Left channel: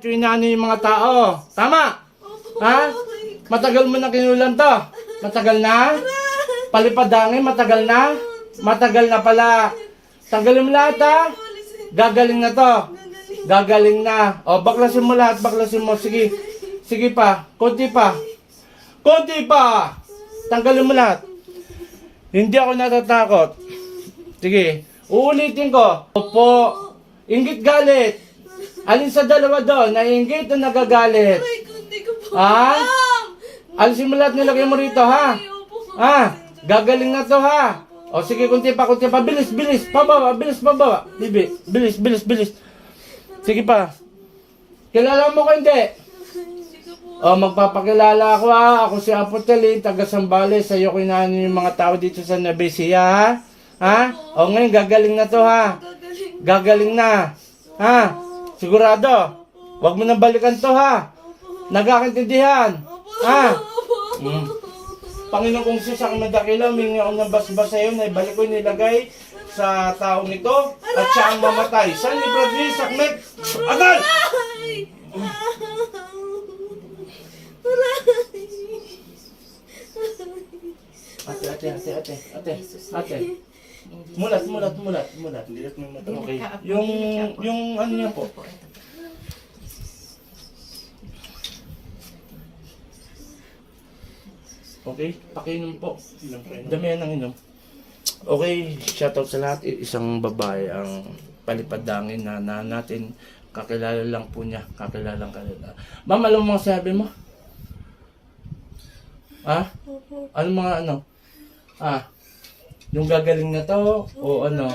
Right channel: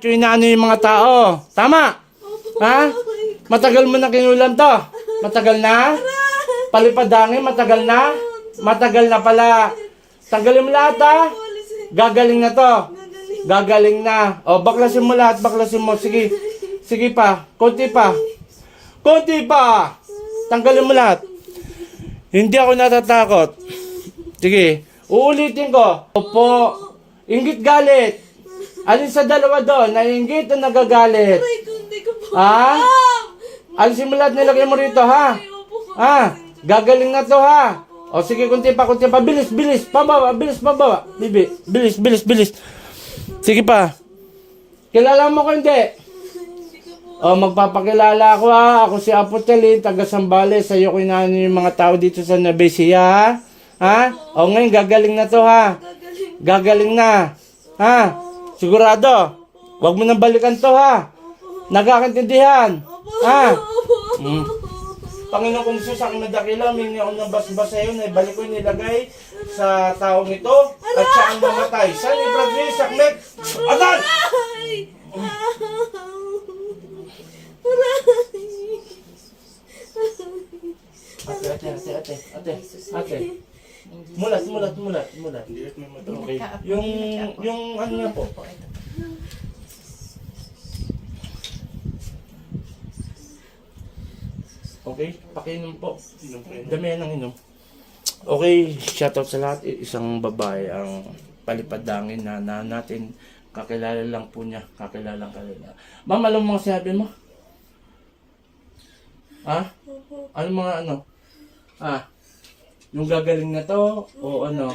Inaano yung mga tao. Tama? Ha? Matagal mo na kinulam to? Matagal na? Palipadangin, matagal na? Matagal na pala. Tanggalin mo lahat ha? Gagaling na to. Gagaling na. O, baklasin mo lahat, baklasin mo. Sige. Sige pa. Konti pa. Konti pa. Tanggalin mo lahat. Hindi ako natatakot. Sige. Uulitin ko. Opo. Inggit galit. Alin sa dalawa doon? Naiinggit o nagagalit? Ha? Alisin mo lahat, nilagay mo rito, ha? Ha? Gagaling na to, ha? O sige, kunti pa. Bilis, bilis. Pababa, bilis, pababa. Bibi, bilis, bilis, bilis. Sige pa. Kilala mo ko hindi? O, magpapakilala ako, ha? Ako si Apo Telin, taga Sambales. Sa'yo ko inaano yung mga tao dito sa Nabesia, ha? Ha? O ngayon, gagaling na to, ha? Gagaling na. Ha? Sigurado? Huwag mo nang balikan to, ha? Nagkakaintindihan? Ha? Panginoon kong Jesus, aking madakila, humingi ako ng basbas sa iyo na ibalik ko nilagay sa taong ito at siya ang mamatay. Saan ni Bradley, Sakmek? Adan! Ate. Mulat. Okay. Yung ano niya po. Okay, pakinom po. Damihan ng inom. Okay, shoutout sa lahat. Isang babae ang palipadangin na natin. Kakilala lang po niya. Kakilala. Ma'am, alam mo mga sabi mo? Ha? Ano mga ano? Ha? Yung gagaling na to? O ano?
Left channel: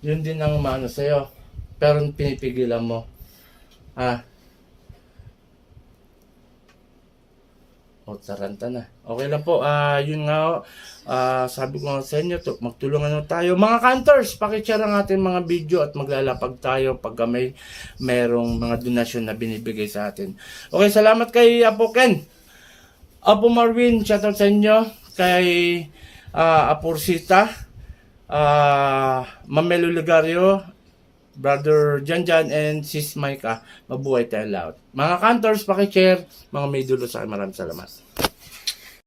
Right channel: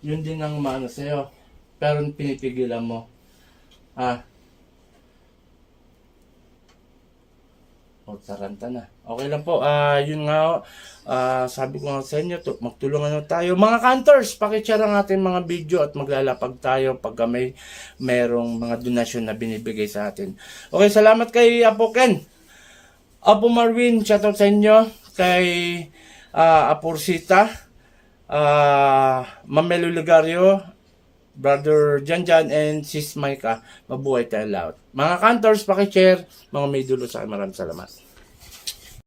Yun din ang maano sa'yo. Pero pinipigilan mo. Ha? O, taranta na. Okay lang po. Yun nga, sabi ko nga sa inyo, magtulungan na tayo. Mga cantors, pakishare ang ating mga video at maglalapag tayo pagka merong mga donasyon na binibigay sa atin. Okay, salamat kay Apo Ken. Apo Marvin, shoutout sa inyo. Kay Apo Rosita, Mamelo Ligario, Brother Janjan, and Sis Maika. Mabuhay tayo lahat. Mga cantors, pakishare. Mga may dulo sa akin. Maraming salamat.